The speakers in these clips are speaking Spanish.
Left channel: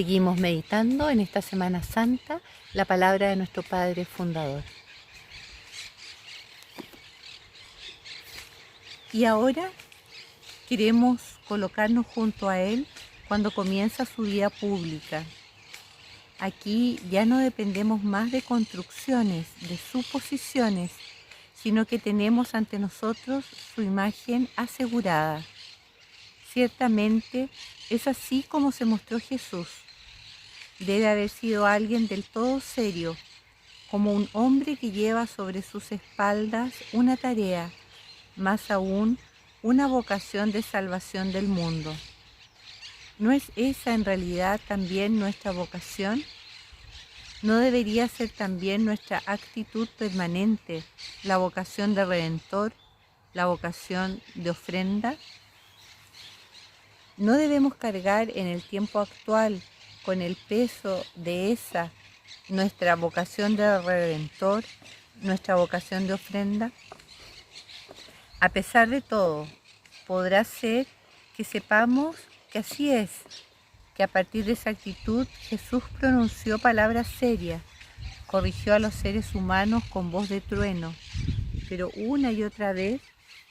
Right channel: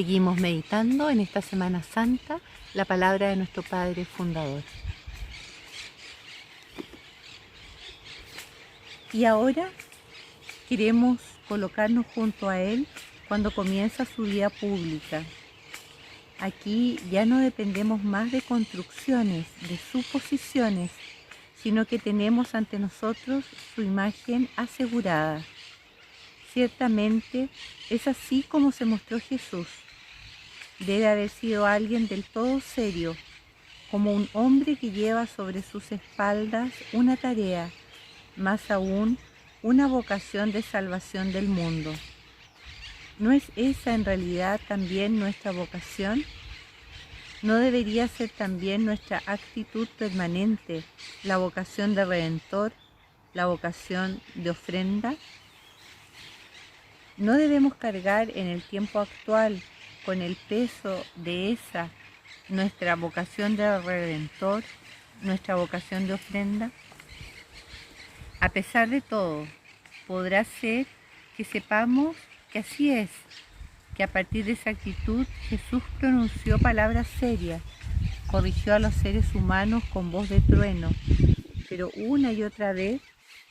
Seguimos meditando en esta Semana Santa la palabra de nuestro Padre Fundador. Y ahora queremos colocarnos junto a Él cuando comienza su vida pública. Aquí ya no dependemos más de construcciones, de suposiciones, sino que tenemos ante nosotros su imagen asegurada. Ciertamente es así como se mostró Jesús. Debe haber sido alguien del todo serio, como un hombre que lleva sobre sus espaldas una tarea, más aún una vocación de salvación del mundo. ¿No es esa en realidad también nuestra vocación? ¿No debería ser también nuestra actitud permanente la vocación de Redentor, la vocación de ofrenda? ¿No debemos cargar en el tiempo actual con el peso de esa, nuestra vocación de Redentor, nuestra vocación de ofrenda? A pesar de todo, podrá ser que sepamos que así es, que a partir de esa actitud Jesús pronunció palabras serias, corrigió a los seres humanos con voz de trueno, pero una y otra vez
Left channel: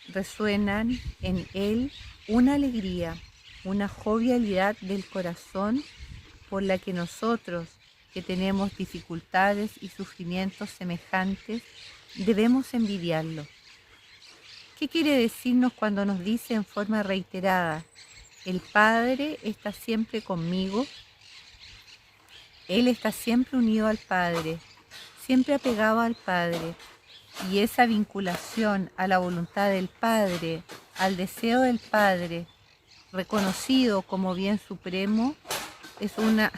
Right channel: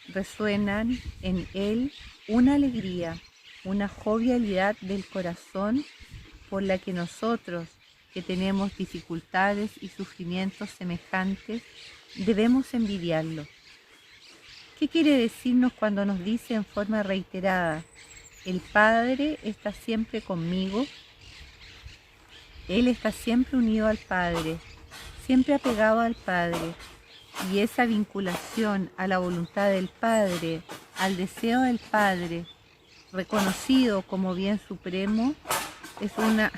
resuenan en él una alegría, una jovialidad del corazón por la que nosotros, que tenemos dificultades y sufrimientos semejantes, debemos envidiarlo. ¿Qué quiere decirnos cuando nos dice en forma reiterada: el Padre está siempre conmigo? Él está siempre unido al Padre, siempre apegado al Padre, y esa vinculación a la voluntad del Padre, al deseo del Padre, reconocido como bien supremo, es una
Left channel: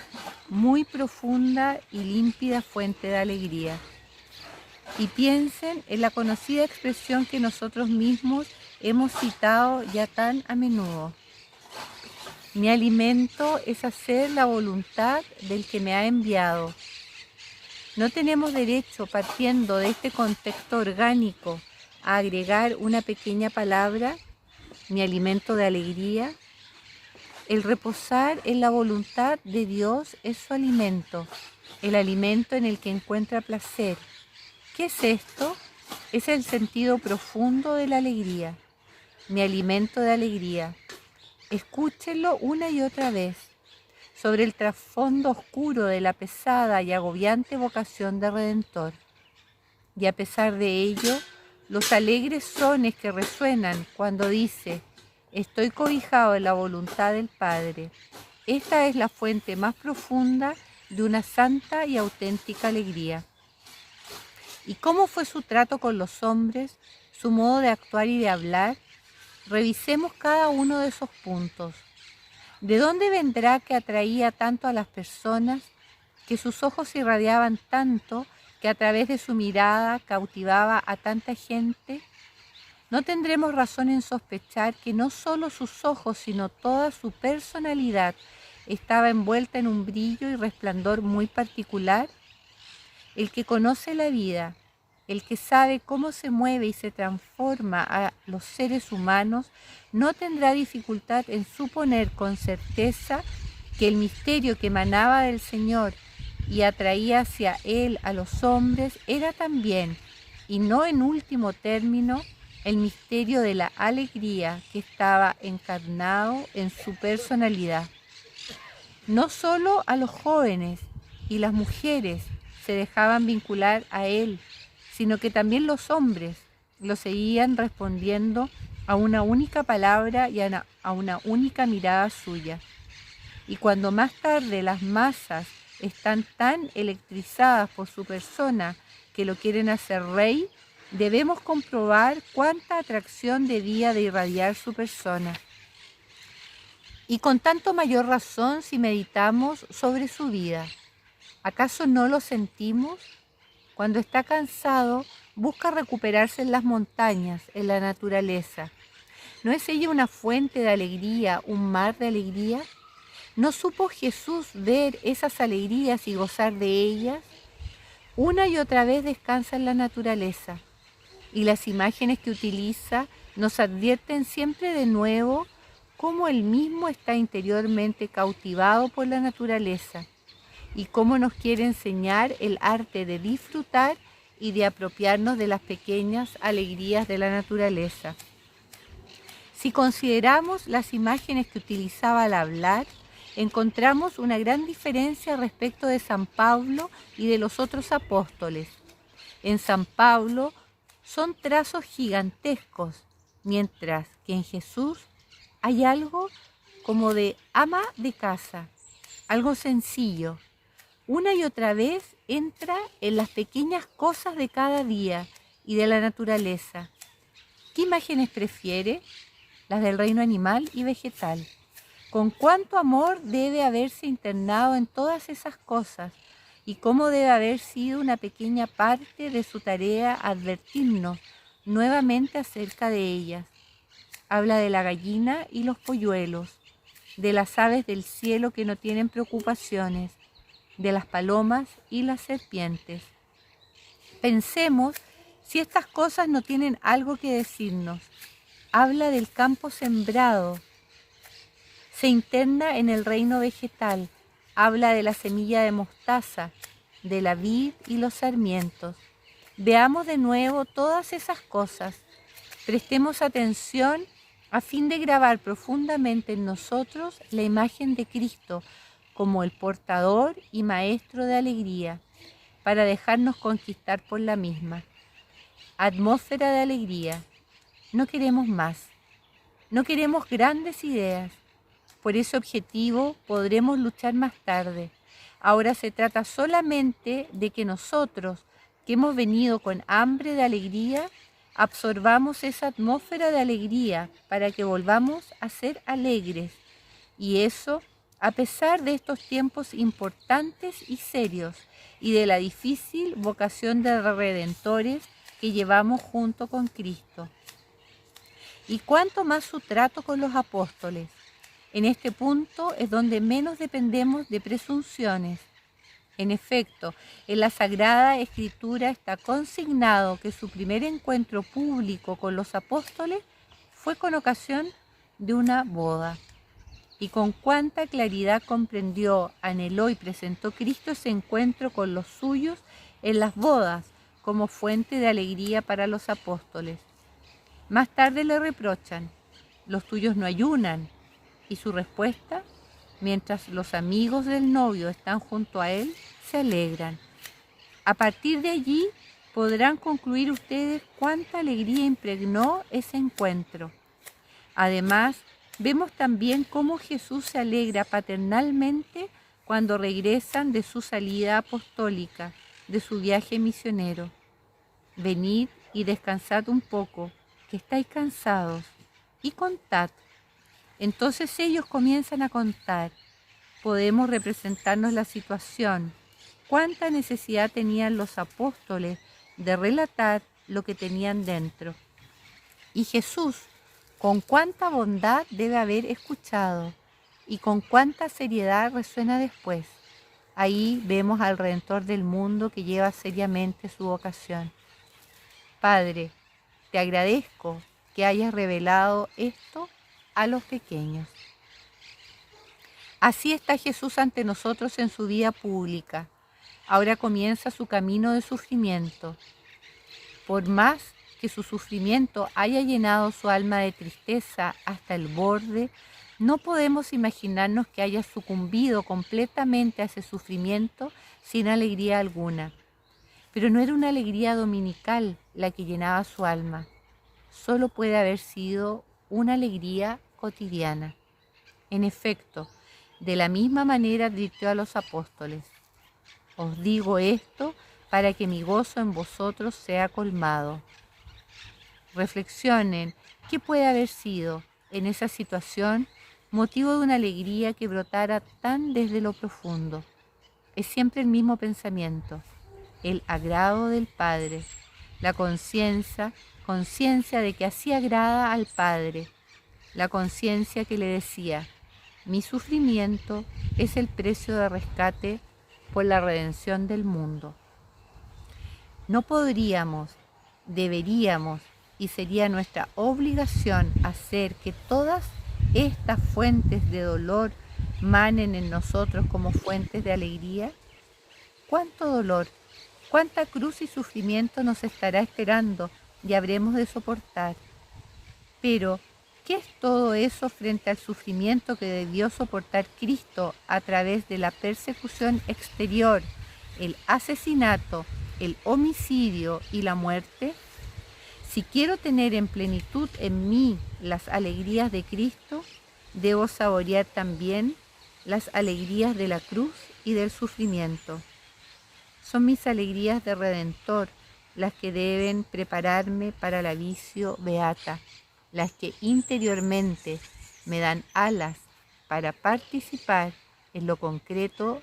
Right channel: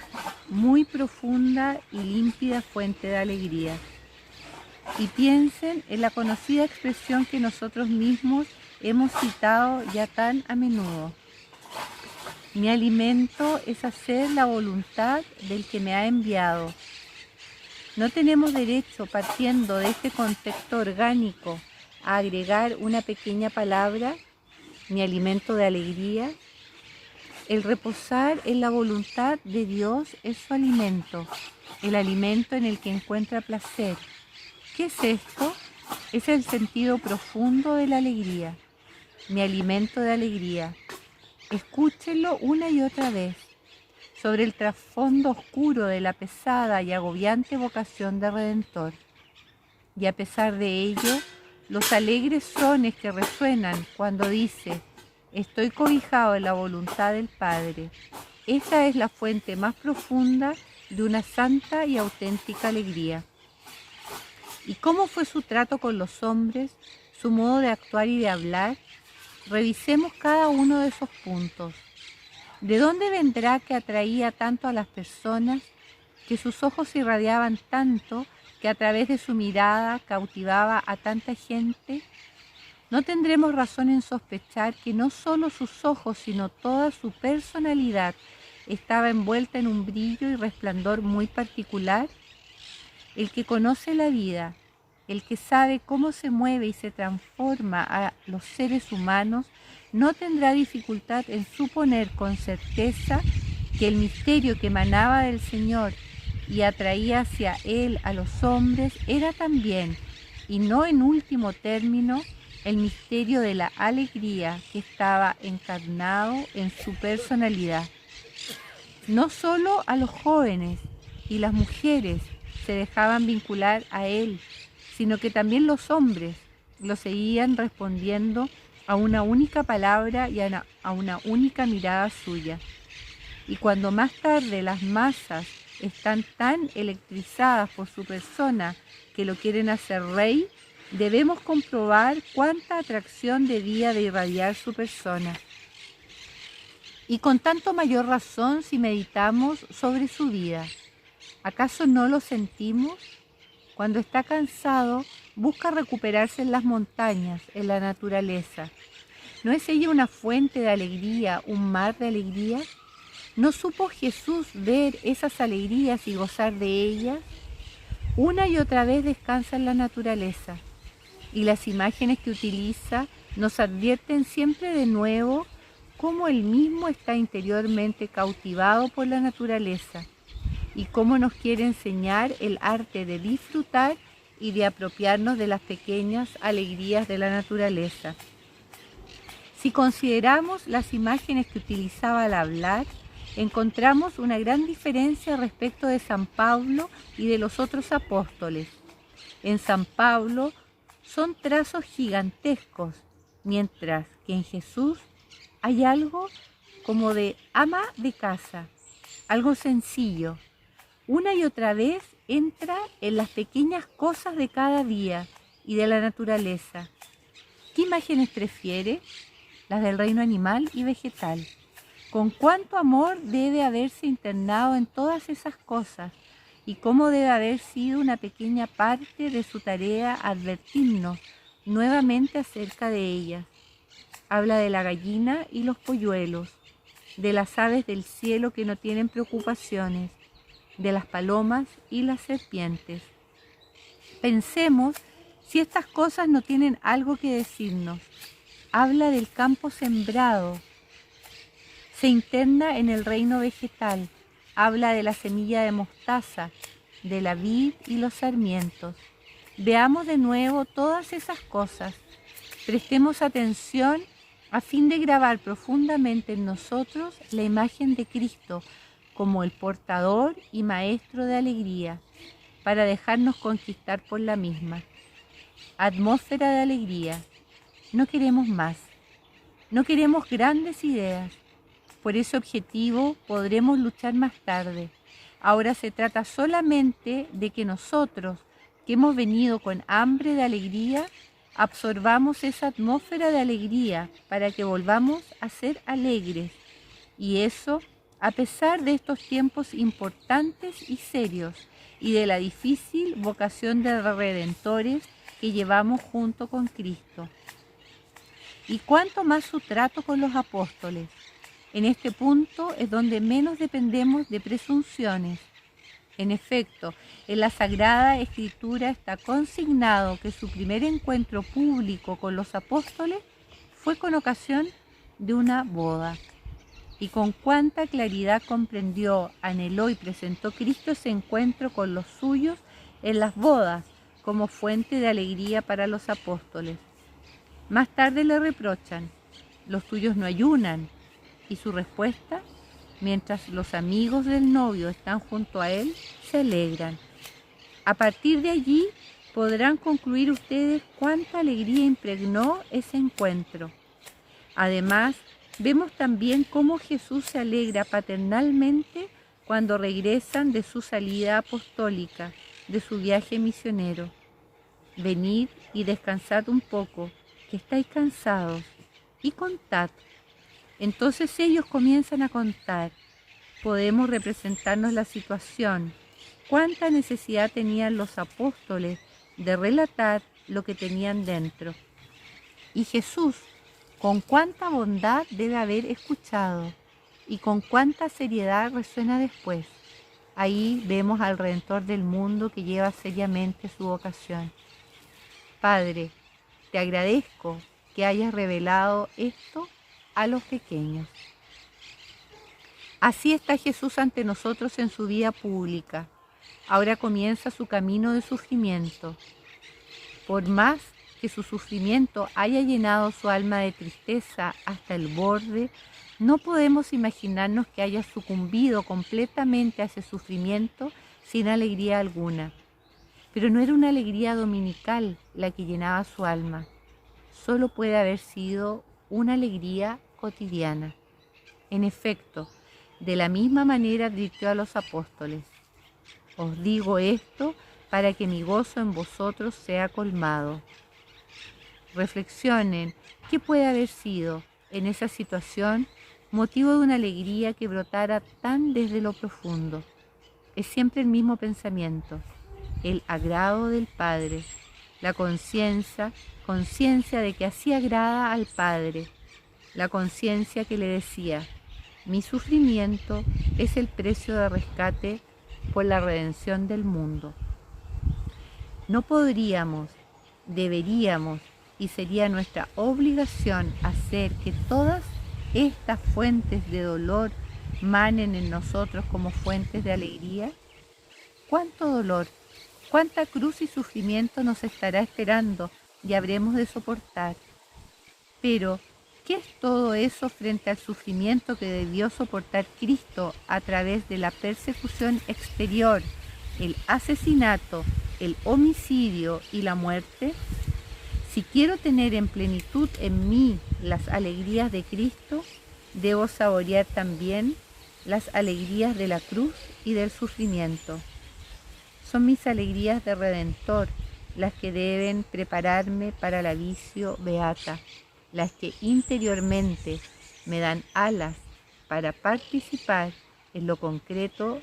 muy profunda y límpida fuente de alegría. Y piensen en la conocida expresión que nosotros mismos hemos citado ya tan a menudo: mi alimento es hacer la voluntad del que me ha enviado. No tenemos derecho, partiendo de este contexto orgánico, a agregar una pequeña palabra, mi alimento de alegría. El reposar en la voluntad de Dios es su alimento, el alimento en el que encuentra placer. ¿Qué es esto? Es el sentido profundo de la alegría, mi alimento de alegría. Escúchenlo una y otra vez, sobre el trasfondo oscuro de la pesada y agobiante vocación de Redentor. Y a pesar de ello, los alegres sones que resuenan cuando dice: estoy cobijado en la voluntad del Padre. Esta es la fuente más profunda de una santa y auténtica alegría. ¿Y cómo fue su trato con los hombres, su modo de actuar y de hablar? Revisemos cada uno de esos puntos. ¿De dónde vendrá que atraía tanto a las personas, que sus ojos irradiaban tanto, que a través de su mirada cautivaba a tanta gente? ¿No tendremos razón en sospechar que no solo sus ojos, sino toda su personalidad estaba envuelta en un brillo y resplandor muy particular? El que conoce la vida, el que sabe cómo se mueve y se transforma a los seres humanos, no tendrá dificultad en suponer con certeza que el misterio que emanaba del Señor y atraía hacia Él a los hombres era también, y no en último término, el misterio de la alegría que estaba encarnado en su personalidad. No solo a los jóvenes y las mujeres se dejaban vincular a Él, sino que también los hombres lo seguían respondiendo a una única palabra y a una única mirada suya. Y cuando más tarde las masas están tan electrizadas por su persona que lo quieren hacer rey, debemos comprobar cuánta atracción debía de irradiar su persona. Y con tanto mayor razón si meditamos sobre su vida. ¿Acaso no lo sentimos? Cuando está cansado, busca recuperarse en las montañas, en la naturaleza. ¿No es ella una fuente de alegría, un mar de alegría? ¿No supo Jesús ver esas alegrías y gozar de ellas? Una y otra vez descansa en la naturaleza, y las imágenes que utiliza nos advierten siempre de nuevo cómo él mismo está interiormente cautivado por la naturaleza y cómo nos quiere enseñar el arte de disfrutar y de apropiarnos de las pequeñas alegrías de la naturaleza. Si consideramos las imágenes que utilizaba al hablar, encontramos una gran diferencia respecto de San Pablo y de los otros apóstoles. En San Pablo son trazos gigantescos, mientras que en Jesús hay algo como de ama de casa, algo sencillo. Una y otra vez entra en las pequeñas cosas de cada día y de la naturaleza. ¿Qué imágenes prefiere? Las del reino animal y vegetal. Con cuánto amor debe haberse internado en todas esas cosas y cómo debe haber sido una pequeña parte de su tarea advertirnos nuevamente acerca de ellas. Habla de la gallina y los polluelos, de las aves del cielo que no tienen preocupaciones, de las palomas y las serpientes. Pensemos si estas cosas no tienen algo que decirnos. Habla del campo sembrado, se interna en el reino vegetal, habla de la semilla de mostaza, de la vid y los sarmientos. Veamos de nuevo todas esas cosas, prestemos atención a fin de grabar profundamente en nosotros la imagen de Cristo como el portador y maestro de alegría, para dejarnos conquistar por la misma. Atmósfera de alegría. No queremos más, no queremos grandes ideas. Por ese objetivo podremos luchar más tarde. Ahora se trata solamente de que nosotros, que hemos venido con hambre de alegría, absorbamos esa atmósfera de alegría para que volvamos a ser alegres. Y eso, a pesar de estos tiempos importantes y serios y de la difícil vocación de redentores que llevamos junto con Cristo. Y cuánto más su trato con los apóstoles. En este punto es donde menos dependemos de presunciones. En efecto, en la Sagrada Escritura está consignado que su primer encuentro público con los apóstoles fue con ocasión de una boda. Y con cuánta claridad comprendió, anheló y presentó Cristo ese encuentro con los suyos en las bodas como fuente de alegría para los apóstoles. Más tarde le reprochan, los tuyos no ayunan, y su respuesta, mientras los amigos del novio están junto a él, se alegran. A partir de allí podrán concluir ustedes cuánta alegría impregnó ese encuentro. Además, vemos también cómo Jesús se alegra paternalmente cuando regresan de su salida apostólica, de su viaje misionero. Venid y descansad un poco, que estáis cansados, y contad. Entonces ellos comienzan a contar. Podemos representarnos la situación. Cuánta necesidad tenían los apóstoles de relatar lo que tenían dentro. Y Jesús, con cuánta bondad debe haber escuchado y con cuánta seriedad resuena después. Ahí vemos al Redentor del mundo que lleva seriamente su vocación. Padre, te agradezco que hayas revelado esto a los pequeños. Así está Jesús ante nosotros en su vida pública. Ahora comienza su camino de sufrimiento. Por más que su sufrimiento haya llenado su alma de tristeza hasta el borde, no podemos imaginarnos que haya sucumbido completamente a ese sufrimiento sin alegría alguna. Pero no era una alegría dominical la que llenaba su alma. Solo puede haber sido una alegría cotidiana. En efecto, de la misma manera advirtió a los apóstoles: os digo esto para que mi gozo en vosotros sea colmado. Reflexionen qué puede haber sido en esa situación motivo de una alegría que brotara tan desde lo profundo. Es siempre el mismo pensamiento, el agrado del Padre, la conciencia de que así agrada al Padre, la conciencia que le decía: mi sufrimiento es el precio de rescate por la redención del mundo. No podríamos, deberíamos y sería nuestra obligación hacer que todas estas fuentes de dolor manen en nosotros como fuentes de alegría? ¿Cuánto dolor, cuánta cruz y sufrimiento nos estará esperando y habremos de soportar? Pero, ¿qué es todo eso frente al sufrimiento que debió soportar Cristo a través de la persecución exterior, el asesinato, el homicidio y la muerte? Si quiero tener en plenitud en mí las alegrías de Cristo, debo saborear también las alegrías de la cruz y del sufrimiento. Son mis alegrías de Redentor las que deben prepararme para la vicio beata, las que interiormente me dan alas para participar en lo concreto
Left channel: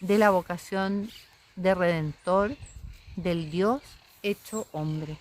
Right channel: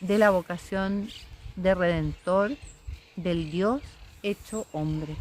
de la vocación de Redentor del Dios hecho hombre.